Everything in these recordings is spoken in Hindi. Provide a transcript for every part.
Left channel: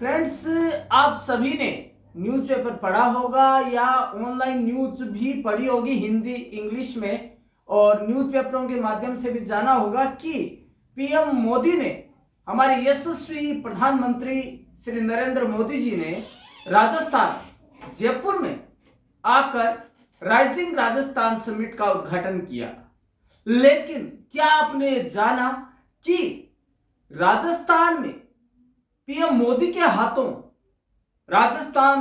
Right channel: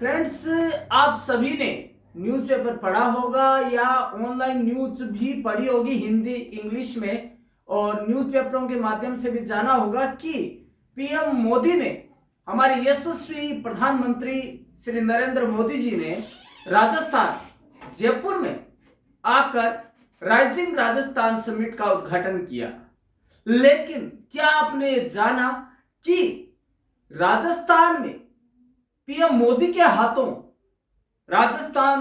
फ्रेंड्स, आप सभी ने न्यूज़पेपर पढ़ा होगा या ऑनलाइन न्यूज़ भी पढ़ी होगी हिंदी इंग्लिश में, और न्यूज़पेपरों के माध्यम से भी जाना होगा कि पीएम मोदी ने, हमारे यशस्वी प्रधानमंत्री श्री नरेंद्र मोदी जी ने राजस्थान जयपुर में आकर राइजिंग राजस्थान समिट का उद्घाटन किया। लेकिन क्या आपने जाना कि राजस्थान में पीएम मोदी के हाथों राजस्थान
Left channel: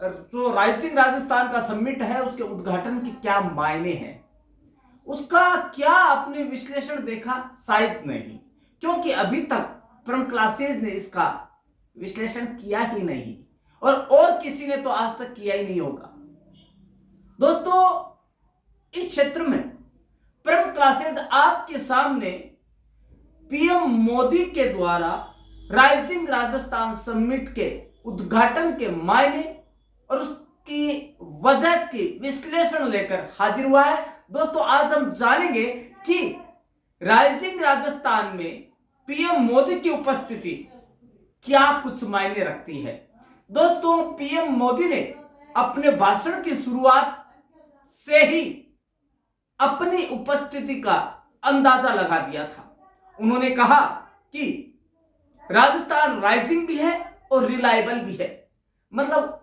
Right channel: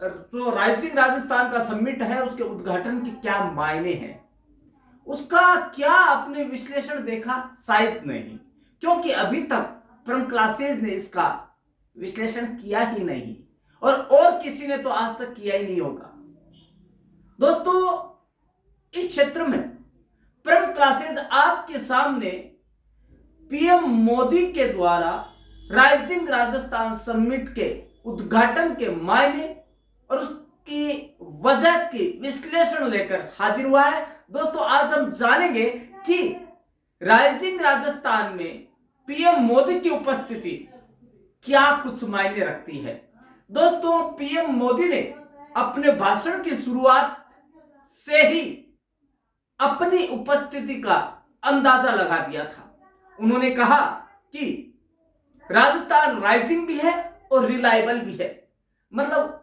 जो राइजिंग राजस्थान का समिट है उसके उद्घाटन के क्या मायने हैं, उसका क्या आपने विश्लेषण देखा? शायद नहीं, क्योंकि अभी तक फ्रॉम क्लासेज ने इसका विश्लेषण किया ही नहीं, और किसी ने तो आज तक किया ही नहीं होगा। दोस्तों, इस क्षेत्र में फ्रॉम क्लासेज आपके सामने पीएम मोदी के द्वारा राइजिंग राजस्थान समिट के उद्घाटन के मायने और उसकी वजह की विश्लेषण लेकर हाजिर हुआ है। दोस्तों, आज हम जानेंगे कि राइजिंग राजस्थान में पीएम मोदी की उपस्थिति क्या कुछ मायने रखती है। दोस्तों, पीएम मोदी ने अपने भाषण की शुरुआत से ही अपनी उपस्थिति का अंदाजा लगा दिया था। उन्होंने कहा कि राजस्थान राइजिंग भी है और रिलायबल भी है, मतलब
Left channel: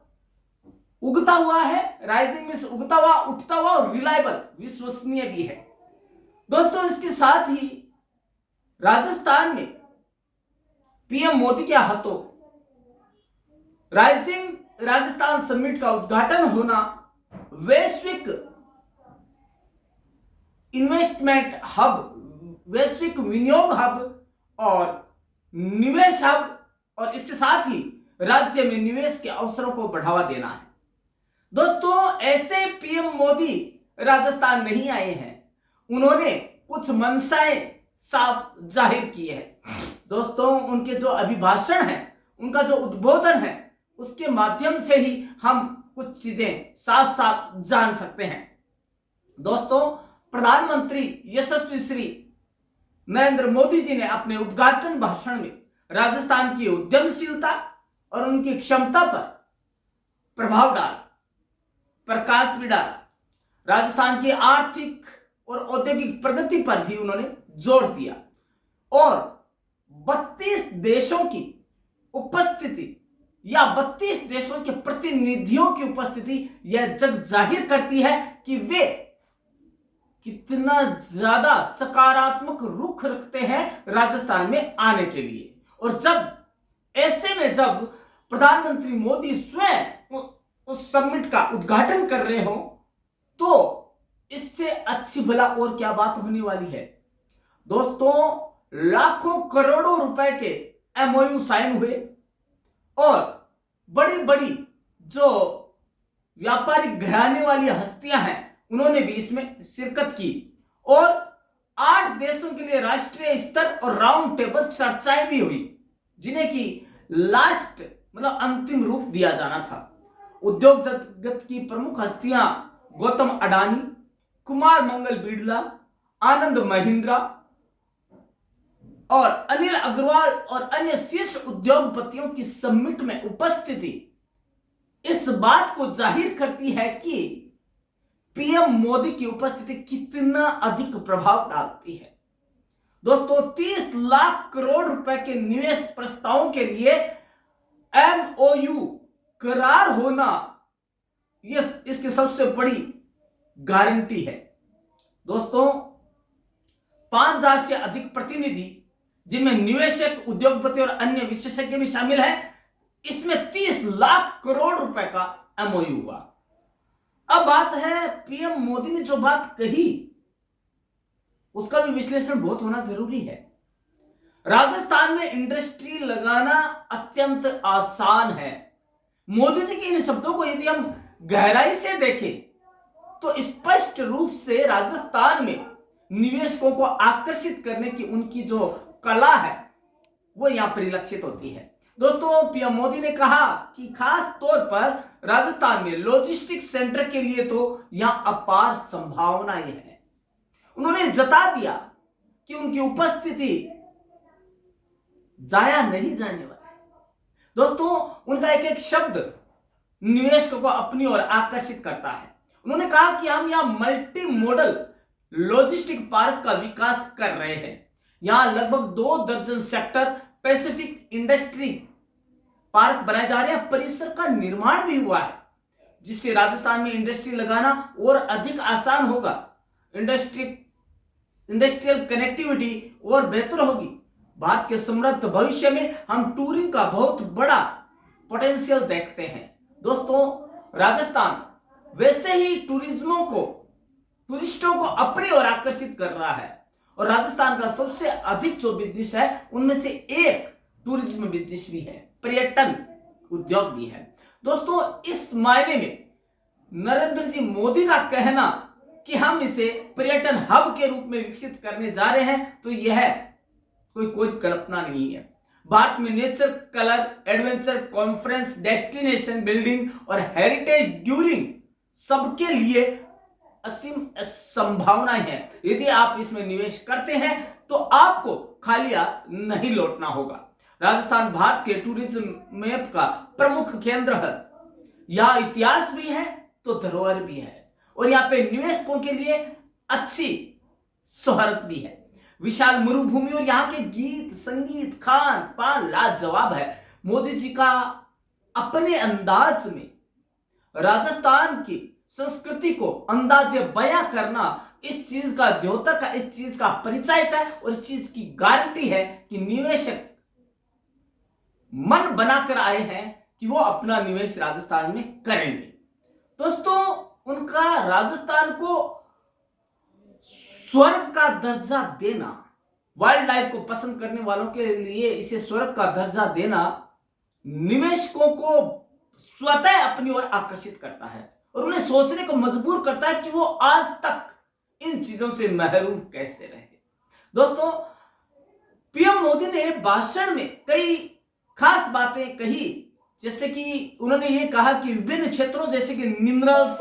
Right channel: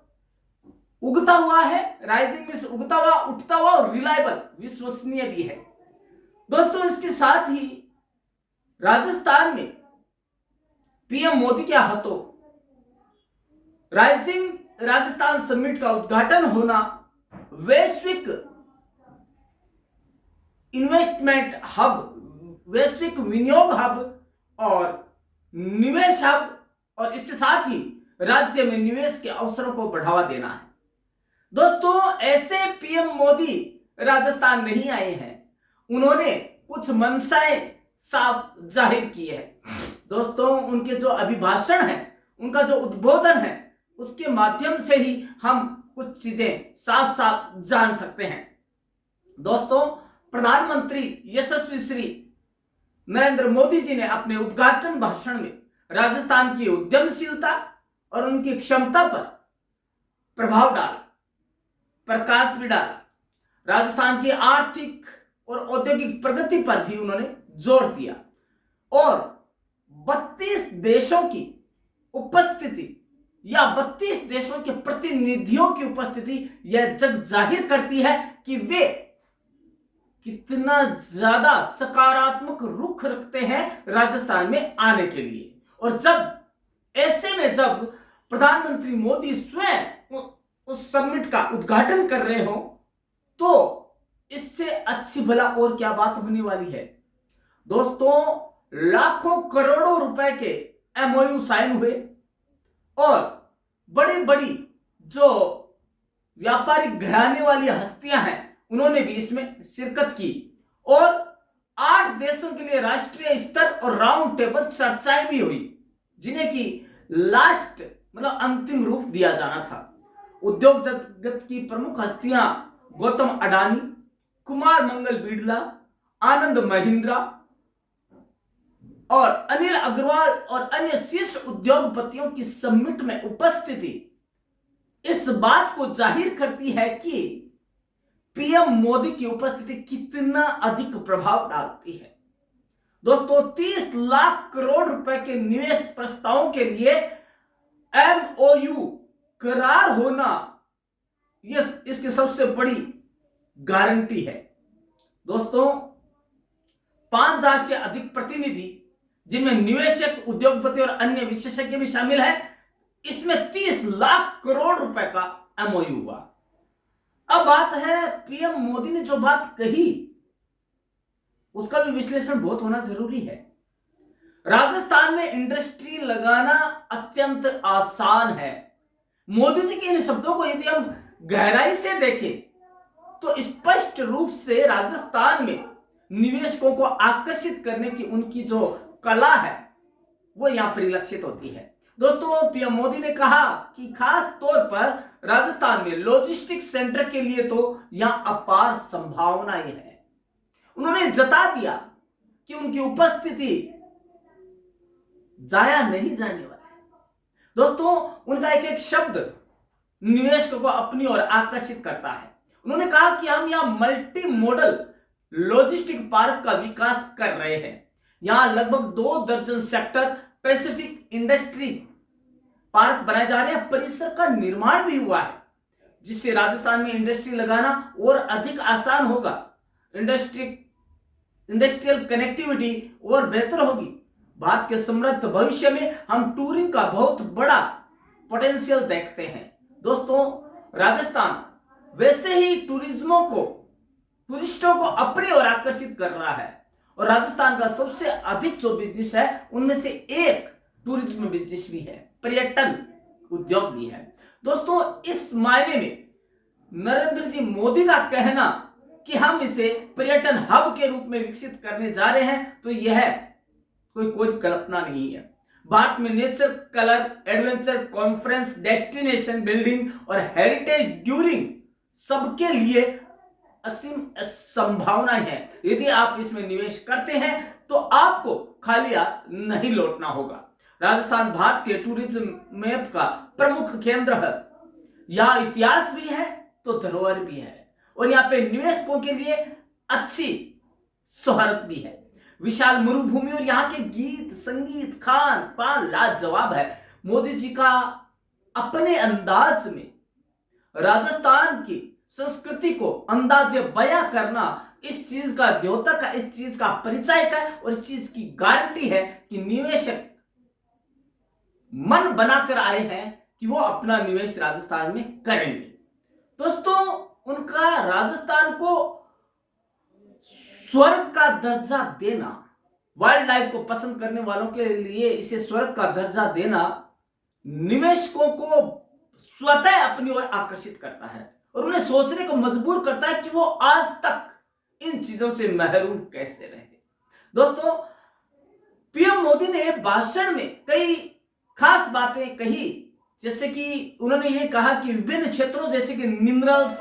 उगता हुआ है। राइजिंग में उगता हुआ, उठता हुआ, और रिलायबल विश्वसनीय भी है। दोस्तों, इसके साथ ही राजस्थान में पीएम मोदी के हाथों राइजिंग राजस्थान समिट का उद्घाटन होना वैश्विक इन्वेस्टमेंट हब, वैश्विक विनियोग हब और निवेश हब, और इसके साथ ही राज्य में निवेश के अवसरों को बढ़ावा देना है। दोस्तों, ऐसे पीएम मोदी राजस्थान नहीं आए हैं, उन्होंने कुछ मंशाएं साफ जाहिर की है। दोस्तों, उनके जो अभिभाषण है, उनका जो उद्बोधन है, उसके माध्यम से ही हम कुछ चीजें साफ साफ जान सकते हैं। दोस्तों, प्रधानमंत्री यशस्वी श्री नरेंद्र मोदी जी ने अपने उद्घाटन भाषण में राजस्थान की उद्यमशीलता और उनकी क्षमता पर प्रभाव डाला, प्रकाश भी डाला। राजस्थान की आर्थिक और औद्योगिक प्रगति पर भी उन्होंने जोर दिया, और 32 देशों की उपस्थिति या 32 देशों के प्रतिनिधियों की उपस्थिति यह जग जाहिर करती है कि वे कितना ज्यादा सकारात्मक रुख रखते हैं राजस्थान में आने के लिए। और जब ऐसे में जब प्रधानमंत्री मोदी स्वयं उस समिट का उद्घाटन कर रहे हो, तो इससे अच्छी भला और क्या बात होने वाली है। दोस्तों, लाखों करोड़ों रुपए के एमओयू साइन हुए, और बड़ी बड़ी जो व्यापारिक घराने वाली हस्तियां हैं, उन्होंने भी इसमें शिरकत की, और 8 देशों के लिए राष्ट्रीय स्तर और राउंड टेबल चर्चाएं भी हुई, जिन्हें की लास्ट मतलब अंतिम रूप दिया जाना था। उद्योग जगत की प्रमुख हस्तियां गौतम अडानी, कुमार मंगल बिड़ला, आनंद महिंद्रा और अनिल अग्रवाल और अन्य शीर्ष उद्योगपतियों की समिट में उपस्थिति इस बात को जाहिर करती है कि पीएम मोदी की उपस्थिति कितना अधिक प्रभाव डालती है। दोस्तों, 30 लाख करोड़ रुपए के निवेश प्रस्तावों के लिए एमओयू करार होना यह इसकी सबसे बड़ी गारंटी है। दोस्तों, 5000 से अधिक प्रतिनिधि, जिनमें निवेशक, उद्योगपति और अन्य विशेषज्ञ भी शामिल हैं, इसमें 30 लाख करोड़ रुपए का एमओयू हुआ। अब बात है, पीएम मोदी ने जो बात कही उसका भी विश्लेषण बहुत होना जरूरी है। राजस्थान में इंडस्ट्री लगाना अत्यंत आसान है। मोदी जी के इन शब्दों को यदि हम गहराई से देखें तो स्पष्ट रूप से राजस्थान में निवेशकों को आकर्षित करने की उनकी जो कला है वो यहां परिलक्षित होती है। दोस्तों, पीएम मोदी ने कहा कि खास तौर पर राजस्थान में लॉजिस्टिक्स सेंटर के लिए तो यहां अपार संभावनाएं हैं। उन्होंने जता दिया कि उनकी उपस्थिति जाया नहीं जाने वाली। दोस्तों, उनका एक एक शब्द निवेशकों को अपनी ओर आकर्षित करता है। उन्होंने कहा कि हम यहां मल्टी मॉडल लॉजिस्टिक पार्क का विकास कर रहे हैं। यहां लगभग 2 दर्जन सेक्टर पैसिफिक इंडस्ट्री पार्क बनाए जा रहे हैं। परिसर का निर्माण भी हुआ है, जिससे राजस्थान में इंडस्ट्री लगाना और अधिक आसान होगा। इंडस्ट्रियल कनेक्टिविटी और बेहतर होगी। भारत के समृद्ध भविष्य में हम टूरिंग का बहुत बड़ा पोटेंशियल देखते हैं। दोस्तों, राजस्थान वैसे ही टूरिस्टों को अपनी ओर आकर्षित कर रहा है, और राजस्थान का सबसे अधिक जो बिजनेस है उनमें से एक टूरिज्म बिजनेस भी है, पर्यटन उद्योग भी है। दोस्तों, इस मायने में नरेंद्र जी मोदी का कहना कि हम इसे पर्यटन हब के रूप में विकसित करने जा रहे हैं, तो यह कोई कल्पना नहीं है। भारत में nature, colour, adventure, conference, destination building और हेरिटेज ड्यूरिंग सबके लिए असीम संभावनाएं हैं। यदि आप इसमें निवेश करते हैं तो आपको खाली हाथ नहीं लौटना होगा। राजस्थान भारत के टूरिज्म मैप का प्रमुख केंद्र है। यहां इतिहास भी है तो धरोहर भी है, और यहां पे निवेशकों के लिए अच्छी शोहरत भी है। विशाल मरुभूमि और यहाँ के गीत, संगीत, खान पान लाजवाब है। मोदी जी का अपने अंदाज में राजस्थान की संस्कृति को अंदाजे बयां करना इस चीज का द्योतक है, इस चीज का परिचय है, और इस चीज की गारंटी है कि निवेशक मन बनाकर आए हैं कि वो अपना निवेश राजस्थान में करेंगे। दोस्तों, उनका राजस्थान को स्वर्ग का दर्जा देना, वाइल्ड लाइफ को पसंद करने वालों के लिए इसे स्वर्ग का दर्जा देना निवेशकों को स्वतः अपनी ओर आकर्षित करता है, और उन्हें सोचने को मजबूर करता है कि वो आज तक इन चीजों से महरूम कैसे रहे। दोस्तों, पीएम मोदी ने भाषण में कई खास बातें कही, जैसे कि उन्होंने ये कहा कि विभिन्न क्षेत्रों जैसे कि मिनरल्स,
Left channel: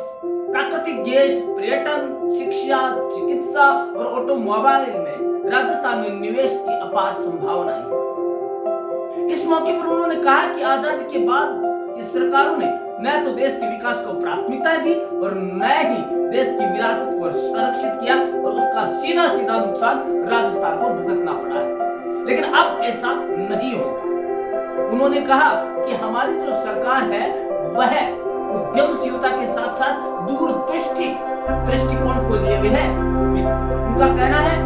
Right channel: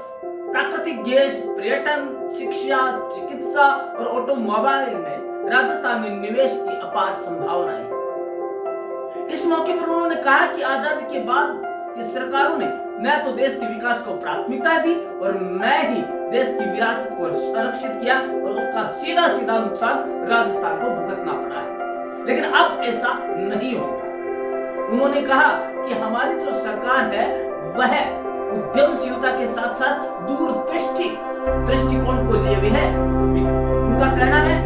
प्राकृतिक गैस, पर्यटन, शिक्षा, चिकित्सा और ऑटोमोबाइल में राजस्थान में निवेश की अपार संभावनाएं हैं। इस मौके पर उन्होंने कहा कि आजादी के बाद की सरकारों ने न तो देश के विकास को प्राथमिकता दी और न ही देश की विरासत को संरक्षित किया, और उसका सीधा सीधा नुकसान राजस्थान को भुगतना पड़ा है। लेकिन अब ऐसा नहीं होगा। उन्होंने कहा कि हमारी जो सरकार है वह उद्यमशीलता के साथ साथ दूरदृष्टि दृष्टिकोण को लिए हुए है। उनका कहना है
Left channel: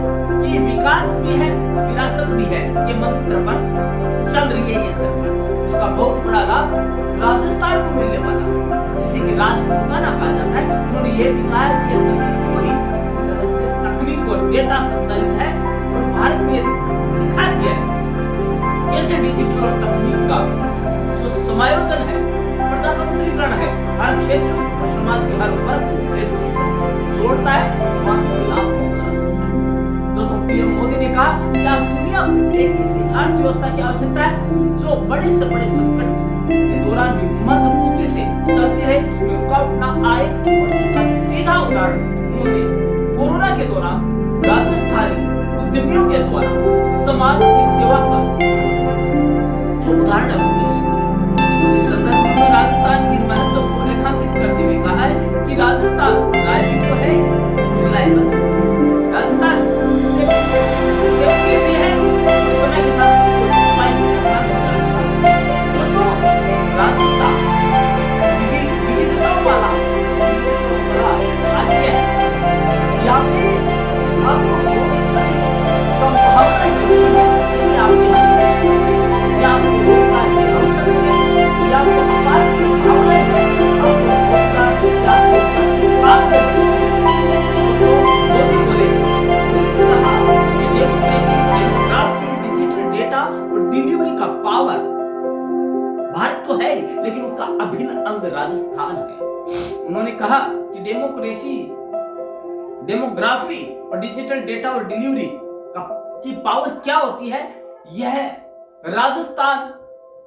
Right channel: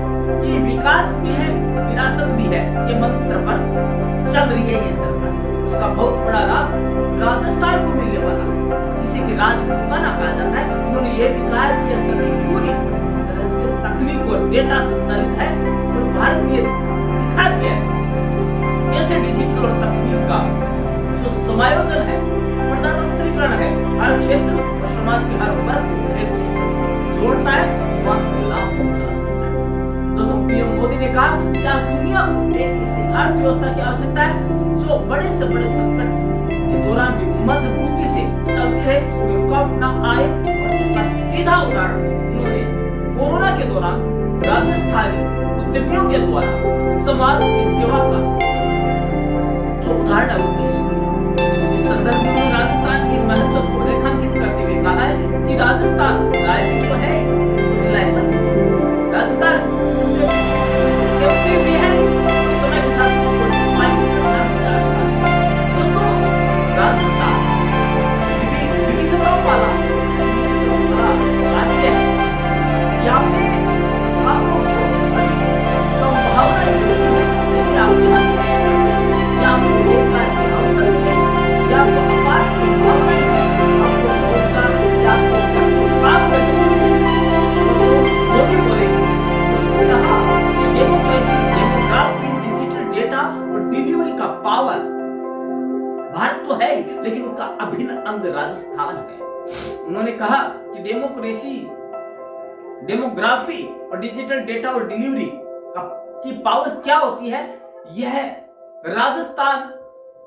कि विकास भी है, विरासत भी है, ये मंत्र पर चल रही है ये सरकार। उसका बहुत बड़ा लाभ राजस्थान को मिलने वाला है, जिसे कि राजपूताना कहा जाता है। उन्होंने ये भी कहा कि यह सदी पूरी तरह से तकनीक और डेटा संचालित है, और भारत ने दिखा दिया है कैसे डिजिटल और तकनीक का जो समायोजन है, प्रजातंत्रीकरण है, हर क्षेत्र और समाज के हर वर्ग को एक दूसरे से जोड़ता है, वहां को लाभ पहुंचा सकता है। दोस्तों, पीएम मोदी ने कहा कि आज दुनिया को एक ऐसी अर्थव्यवस्था की आवश्यकता है जो बड़े से बड़े संकट के दौरान भी मजबूती से चलती रहे, उसमें रुकावट ना आए। और इसका सीधा उदाहरण उन्होंने कोरोना के दौरान राजस्थानी उद्यमियों के द्वारा समाज की सेवा का जो उदाहरण है वो पेश किया। इस संदर्भ में राजस्थान के महत्व को रेखांकित करते हुए कहा है कि राजस्थान राज्य तो है, रिलायबल राजस्थान सेफ्टी भी है, समय के साथ दोस्तों, राजस्थान विविधताओं वाला राज्य है। यहाँ पे आपको अधिक संभावनाएं मिलती है यदि आप यहाँ निवेश करें, या आपको रोजगार के अवसर मिले, या आपको अपार संभावनाएं हैं, आपको रोजगार, या आपको काम करने। दोस्तों, मोदी बोले, उन्होंने कहा कि डेमोक्रेसी, डेमोग्राफी, डिजिटल डेटा और डिलीवरी का पावर भारत तो है, लेकिन उसका अभिन्न अंग राजस्थान है। उन्होंने कहा कि डेमोक्रेसी, डेमोग्राफी और डिजिटल डेटा और डिलीवरी की पावर क्या होती है, यह राजस्थान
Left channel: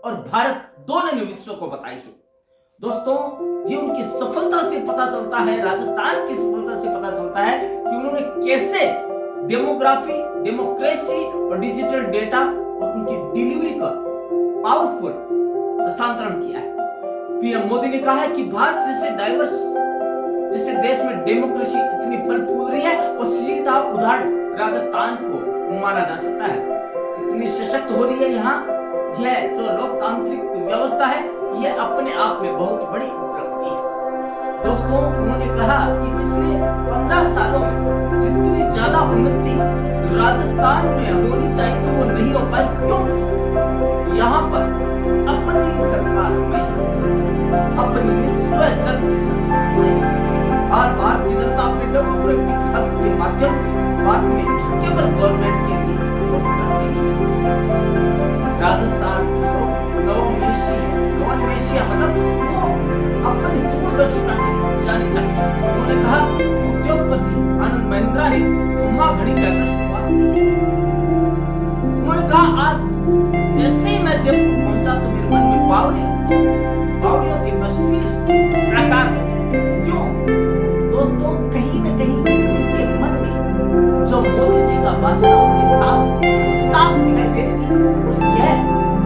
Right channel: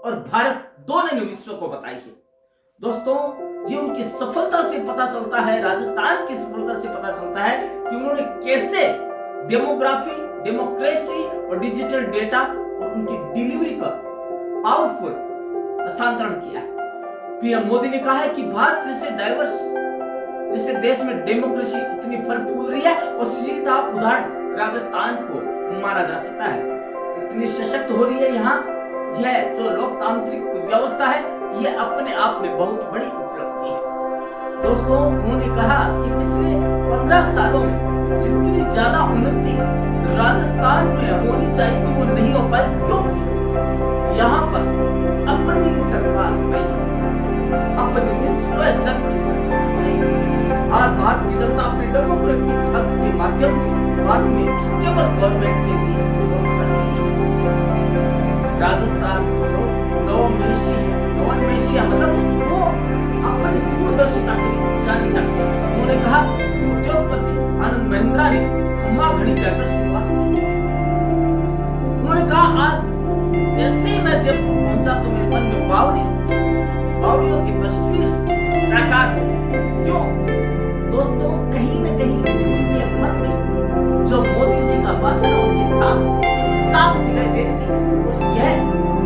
और भारत दोनों ने विश्व को बताई है। दोस्तों, ये उनकी सफलता से पता चलता है, राजस्थान की सफलता से पता चलता है कि उन्होंने कैसे डेमोग्राफी, डेमोक्रेसी और डिजिटल डेटा और उनकी डिलीवरी का पावरफुल स्थानांतरण किया है। पीएम मोदी ने कहा है कि भारत जैसे देश में डेमोक्रेसी इतनी फल फूल रही है और सीधा उदाहरण राजस्थान को माना जा सकता है। इतनी सशक्त हो रही है यहाँ यह जो लोकतांत्रिक व्यवस्था है, यह अपने आप में बहुत बड़ी उपलब्धि है। दोस्तों, उन्होंने कहा कि पिछले 15 सालों में जितनी ज्यादा उन्नति राजस्थान में होनी चाहिए थी वो नहीं हो पाई, क्योंकि यहाँ पर अपनी सरकार नहीं, अपनी स्वजन की सरकार नहीं। आज भारत की जनता अपने डेमोक्रेटिक हक के माध्यम से भारत में स्टेबल गवर्नमेंट के लिए वोट कर रही है। राजस्थान के लोग नवोन्मेषी मतलब वो अपनी दूरदर्शिता के लिए जानी जाती है। उन्होंने कहा उद्योगपति आनंद महिंद्रा ने खम्मा घड़ी कहकर शुरुआत की। उन्होंने कहा आज जैसे ही मैं जयपुर पहुंचा तो मेरे मन में बावड़ियों की तस्वीर साकार हो गई। क्यों दोस्तों, कहीं न कहीं उनके मन में जो मोदी जी का भाषण है उसकी साफ दिखाई दे रही थी और यह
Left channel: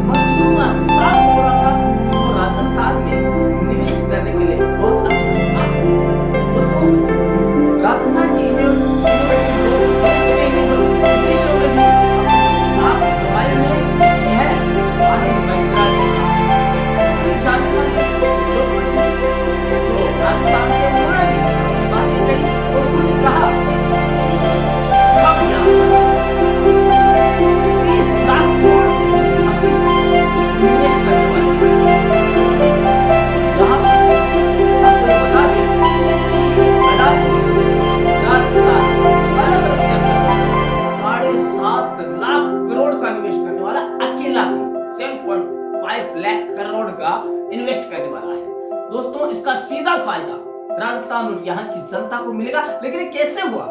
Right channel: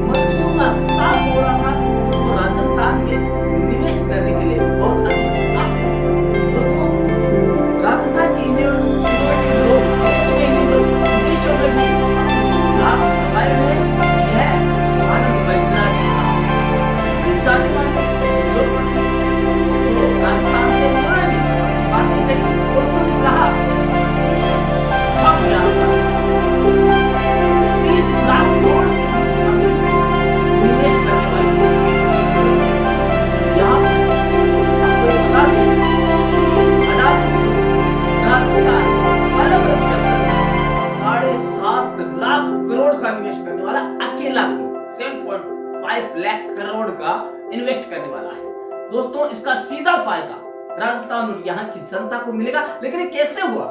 मनसूबा साफ हो रहा था कि वो राजस्थान में निवेश करने के लिए बहुत अधिक आते हैं। दोस्तों, राजस्थान के इनोवेटिव लोग विदेशों में भी नाम कमाए हुए यह आनंद महिंद्रा ने कहा। जाने वाले लोग जो राजस्थान से उन्होंने भी बातें कही और उन्होंने कहा हम यहाँ पर 30 लाख करोड़ से निवेश करने वाले यहाँ आपको बता दें राजस्थान अलग अलग सेक्टर में 7.5 लाख करोड़ का निवेश करने वाला अकेला 7.5 लाख करोड़ का इन्वेस्ट करने वाला है। दोस्तों, इसका सीधा फायदा राजस्थान और यहाँ की जनता को मिलेगा। लेकिन ये कैसे हुआ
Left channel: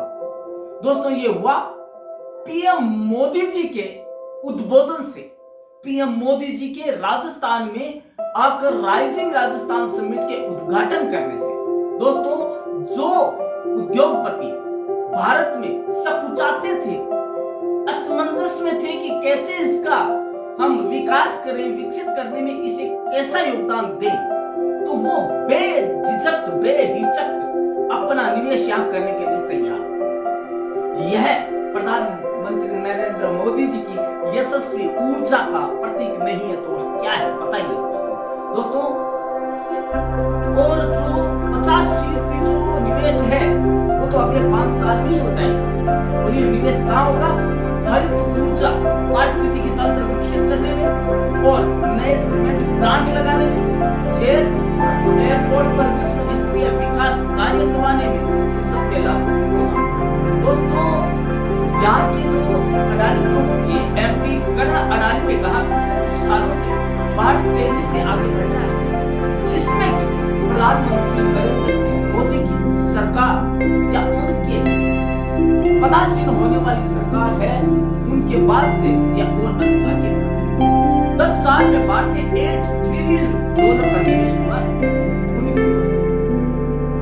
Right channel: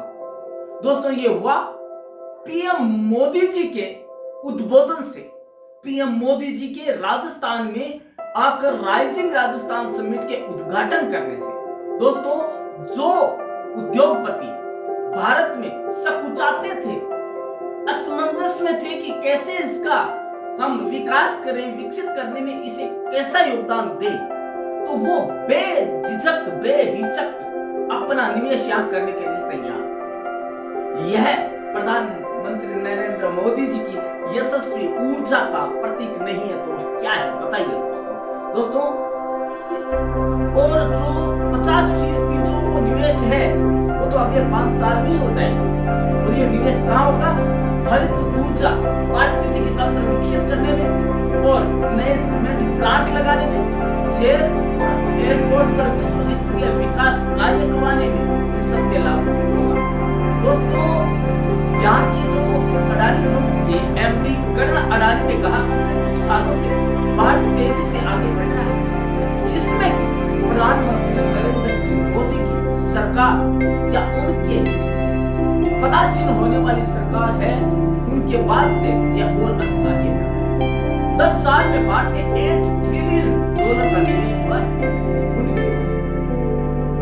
दोस्तों? ये हुआ पीएम मोदी जी के उद्बोधन से, पीएम मोदी जी के राजस्थान में आकर राइजिंग राजस्थान समिट के उद्घाटन करने से। दोस्तों, जो उद्योगपति भारत में सकुचाते थे, असमंजस में थे कि कैसे इसका हम विकास करें, विकसित करने में इसे कैसा योगदान दें, तो वो बेझिझक बेहिचक अपना निवेश यहाँ करने के लिए तैयार। यह प्रधानमंत्री नरेंद्र मोदी जी की यशस्वी ऊर्जा का प्रतीक नहीं है तो क्या है बताइए दोस्तों। और जो 50% जो निवेश है वो तो अगले 5 साल में ही हो जाएगा। और ये निवेश कहाँ होगा? हरित ऊर्जा, पारिस्थितिकी तंत्र विकसित करने में और नए सीमेंट प्लांट लगाने में, जयपुर एयरपोर्ट पर विश्व स्तरीय विकास कार्य करवाने में इन सब पे लागू होगा। दोस्तों, यहाँ के जो अडानी ग्रुप के एमडी करण अडानी ने कहा पिछले कुछ सालों से भारत तेजी से आगे बढ़ रहा है, जिसमें कि प्रधानमंत्री नरेंद्र मोदी की सरकार या उनके पदासीन होने वाली सरकार है, उनके बाद से यह और अधिक आगे बढ़ रहा है। 10 साल में भारत में $8 ट्रिलियन का निवेश हुआ है। उनकी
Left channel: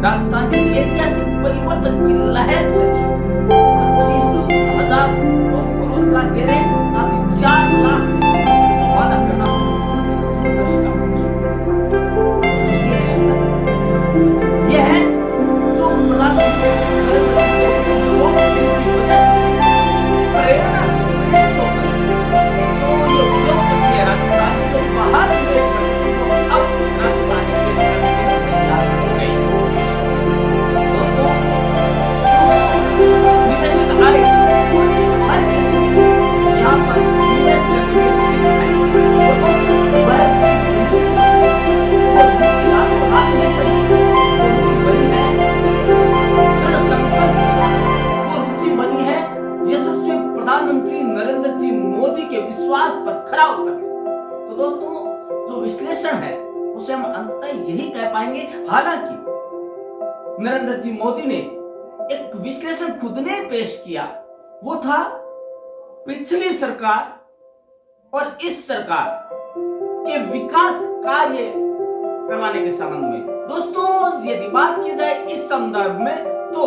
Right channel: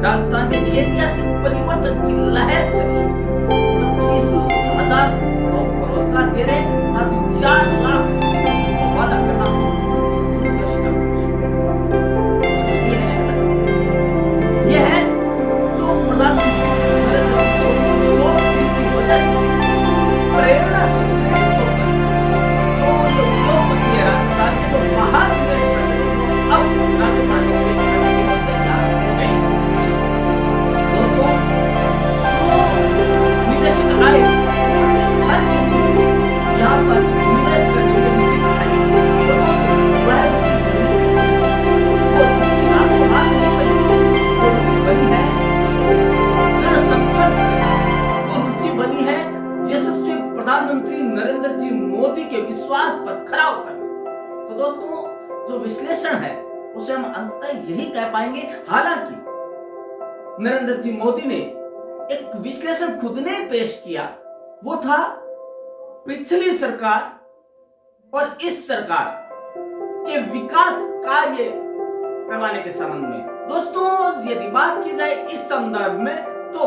राजस्थान में ऐतिहासिक परिवर्तन की लहर चली। 25,000 लोगों को रोजगार दे रहे हैं, साथ ही 4 लाख का वादा करना यह है जो प्रधानमंत्री नरेंद्र मोदी की वजह से प्रेरणा से प्रेरित होकर जो ये उद्योगपति है राजस्थान के, जो बाहर निवेश करते थे वो अब राजस्थान में निवेश करने के लिए तैयार हो गए। दोस्तों, जो निवेशक आए हर किसी को यहाँ पर निवेश करने की रुचि दिखाई। वह हाथ नहीं बनी, वो रुचि बनी है दृढ़ संकल्प के साथ, वो रुचि बनी है यशस्वी प्रधानमंत्री नरेंद्र जी मोदी के विश्वास पर खरा उतरने। तो दोस्तों, जो विश्लेषण है उसे हम अंततः यही कह पाएंगे। हालांकि नरेंद्र जी मोदी ने एक विश्लेषण खुद ने पेश किया, वो था पिछली सरकार और इस सरकार के विकास कार्य करवाने के संबंध में। दोस्तों, यदि बात की जाए इस संदर्भ में तो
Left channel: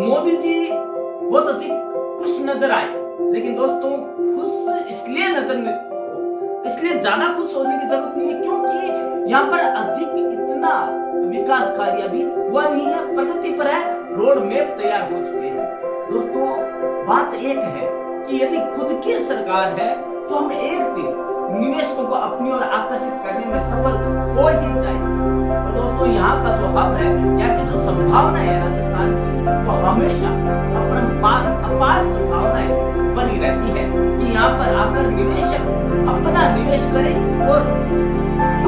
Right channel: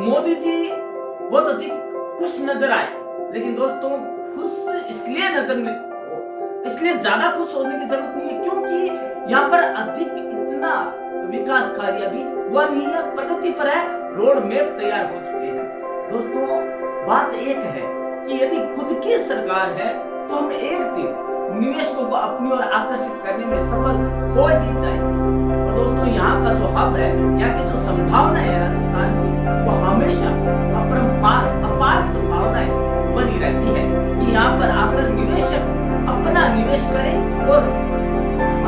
मोदी जी बहुत अधिक खुश नजर आए। लेकिन दोस्तों, खुश इसलिए ज्यादा खुश होने की जरूरत नहीं है, क्योंकि यहाँ पर अधिक इतना विकास कार्य अभी हुआ नहीं है, प्रगति पर है, रोड मैप तैयार हो चुके हैं। दोस्तों बात एक है कि यदि खुद की सरकार है तो हम एक दिन निवेशकों को अपनी ओर आकर्षित करने में सफल हो ही जाएंगे। और दोस्तों यहाँ का जो हब है, यहाँ की जो संभावना है राजस्थान की, वो हमेशा अपार संभावनाएं बनी रहती है कि यहाँ पर आकर निवेशक अपना निवेश करे और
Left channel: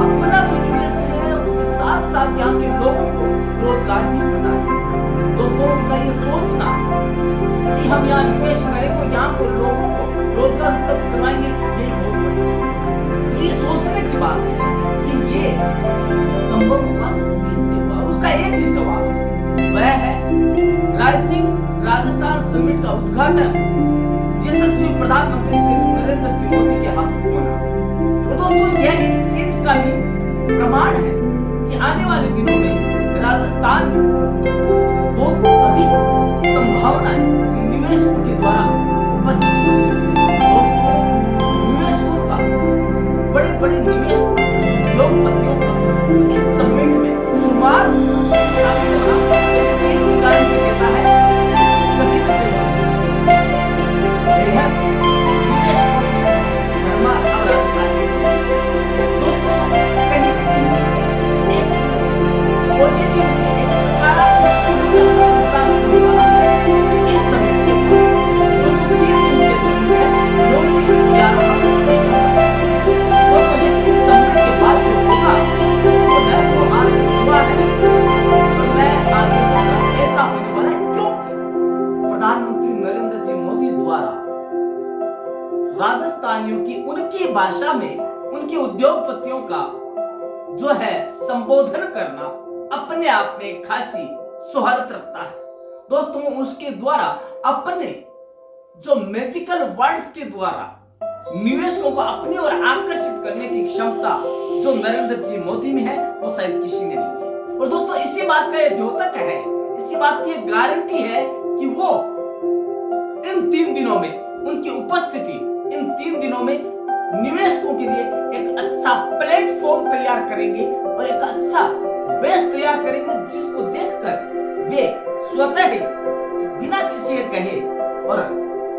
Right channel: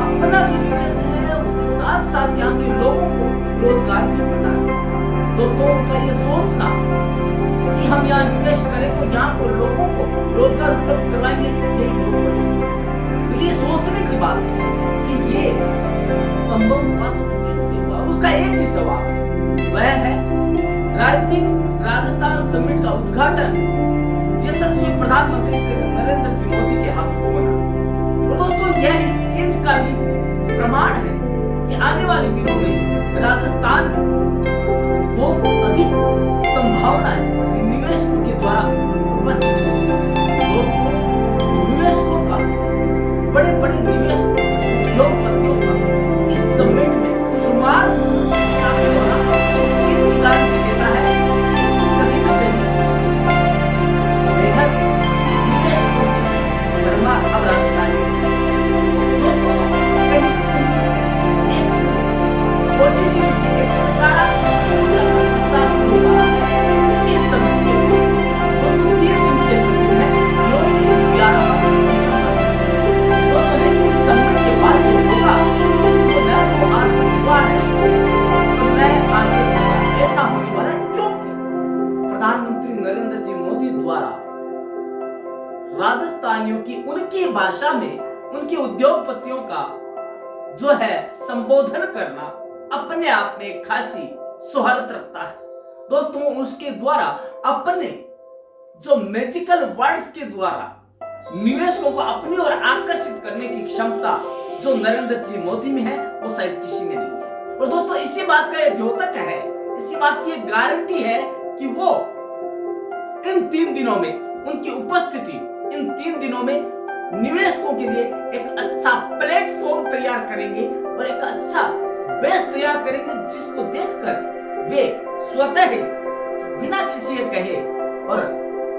अपना जो निवेश है उसके साथ साथ यहाँ के लोगों को रोजगार भी प्रदान। दोस्तों उनका ये सोचना कि हम यहाँ निवेश करें तो यहाँ को लोगों को रोजगार उपलब्ध करवाएंगे, यही बहुत बड़ी है। तो ये सोचने की बात है कि ये संभव हुआ तो कैसे हुआ, उसका एक ही जवाब है, वह है राइजिंग राजस्थान समिट का उद्घाटन यशस्वी प्रधानमंत्री श्री नरेंद्र मोदी के हाथ होना। तो दोस्तों यह इस चीज का भी प्रमाण है कि आने वाले दिनों में राजस्थान में बहुत अधिक संभावनाएं निवेशकों के द्वारा उपस्थित होंगी। दोस्तों निवेशकों का, बड़े बड़े निवेश उद्योगपतियों का इस समिट में शुमार होना इस चीज की गारंटी देता है कहीं न कहीं बेहद निवेशकों की भरमार अब राजस्थान में। दोस्तों कहीं न कहीं एक पॉजिटिविटी, एक सकारात्मक होने वाला है इस समिट के बाद। दोस्तों 3 दिन के समिट है, 9 से 11 दिसंबर। दोस्तों लेकिन इस समिट के बाद जो होगा वो न तो आज तक हुआ है तो न आज तक होगा, ऐसा होने वाला है क्योंकि प्रधानमंत्री नरेंद्र जी मोदी द्वारा राजस्थानियों की उनकी भाषा में उनके उद्योगपतियों का जो है संबोधन करना अपने आप में खासी सुहरत रखता है। दोस्तों उसके द्वारा अपने जो मैजिकल वर्ड्स के द्वारा निवेशकों को अपनी ओर आकर्षित करने की क्षमता जो नरेंद्र जी मोदी में है वो शायद किसी में नहीं है। और दोस्तों इसी बात का यह द्योतक है, इसी बात की गारंटी है कि वो इन 3 दिनों में उनकी उपस्थिति, इन 3 दिनों में निवेशकों के लिए एक अच्छा प्लेटफॉर्म तैयार करेंगे और एक अच्छा बेस तैयार करेंगे जिसको देखकर वे स्वतः ही बिना किसी के कहे और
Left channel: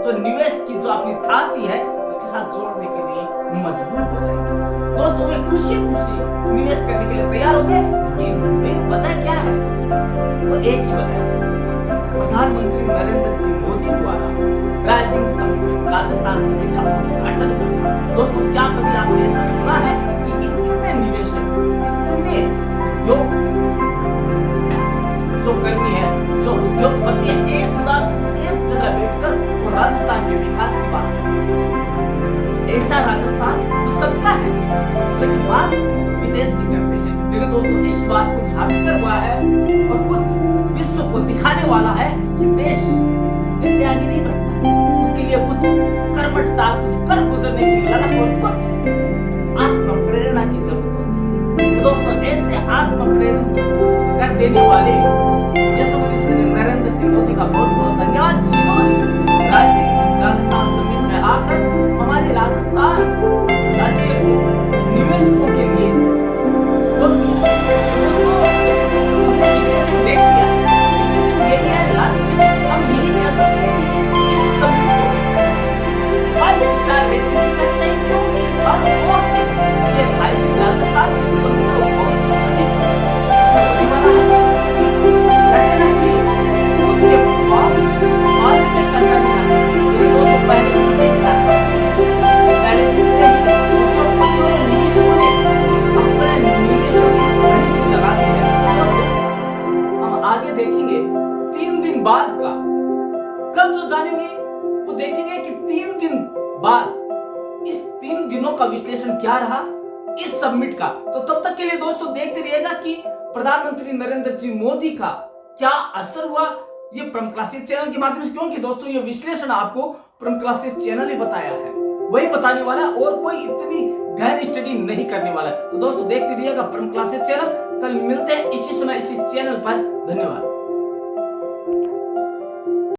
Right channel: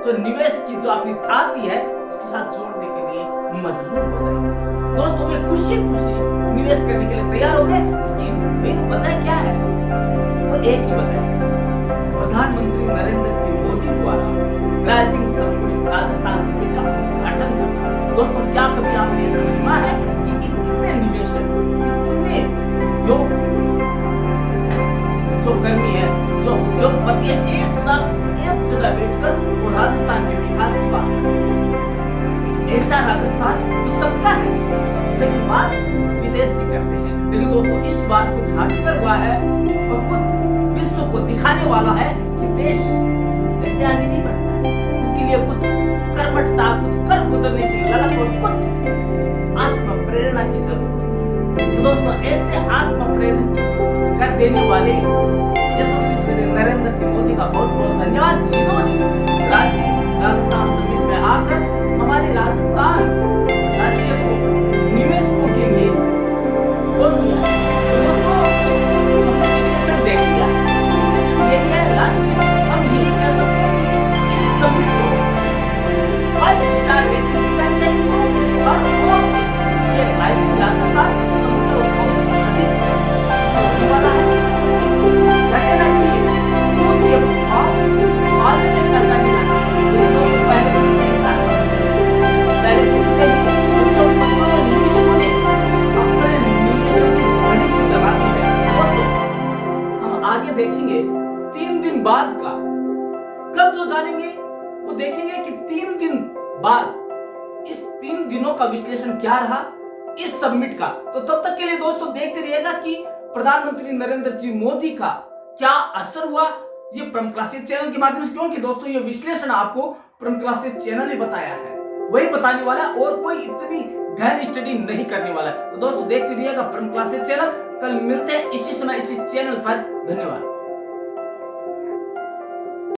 जो निवेश की जो अपनी थाती है उसके साथ जोड़ने के लिए मजबूर हो जाएंगे। दोस्तों वे खुशी खुशी निवेश करने के लिए तैयार हो गए। इसकी मेन वजह क्या है? वो एक ही वजह है, प्रधानमंत्री नरेंद्र जी मोदी द्वारा राइजिंग समिट, राजस्थान समिट का उद्घाटन करना। दोस्तों क्या कभी आपने ऐसा सुना है कि इतने निवेशक, इतने जो कर्मी है, जो उद्योगपति है, एक साथ एक जगह बैठकर और राजस्थान के विकास की बात करते? ऐसा राजस्थान जो सबका है लेकिन बात विदेश की करते हैं। लेकिन दोस्तों इस बार कुछ हटकर हुआ है और कुछ विश्व को दिखाने वाला है कि देश ऐसे आगे नहीं बढ़ता है, उसके लिए कुछ कर्मठता, कुछ कर गुजरने की ललक और कुछ आत्म प्रेरणा की जरूरत होती है। तो दोस्तों ऐसे आत्म प्रेरित कर देने वाले यशस्वी श्री नरेंद्र जी मोदी का बहुत बहुत धन्यवाद, जिन्होंने राजस्थान समिट में आकर हमारे राजस्थान राज्य को निवेशकों के लिए खोल दिया है। तो दोस्तों हमने विश्लेषण देख लिया, विश्लेषण यही है लास्ट में हम यही कह सकते हैं कि इस समिट को 5 स्टार रेटिंग दी जानी चाहिए, क्योंकि हर ओर से ये राजस्थान समिट को बहुत अधिक होने वाला है। लगेगा कि दूध के भाव पालने में पैसा मिला है, ये दोस्तों पहले दिन से ही स्टार्ट पहले दिन से ही उद्योगपतियों और निवेशकों ने अपने निवेशों की झड़ी सी लगा दी है। दोस्तों हम आगे देखेंगे 3 दिन बाद का, कल जो जानेंगे वो देखेंगे कि 3 दिन बाद इस 3 दिनों का विश्लेषण क्या रहा इस समिट का। तो तब तक के लिए दोस्तों देखते रहिएगा कि प्रधानमंत्री नरेंद्र जी मोदी का क्या असर हुआ ये परम क्लासेस चैनल के माध्यम से, क्योंकि दोस्तों ये विश्लेषण आपको परम क्लासेस चैनल ही बताया है, वही बताने वाला है और कोई इतनी गहरी स्टडी नहीं करने वाला है। तो दोस्तों देखते रहिएगा परम क्लासेस चैनल। कल मिलते हैं इसी समय इसी चैनल पर। धन्यवाद।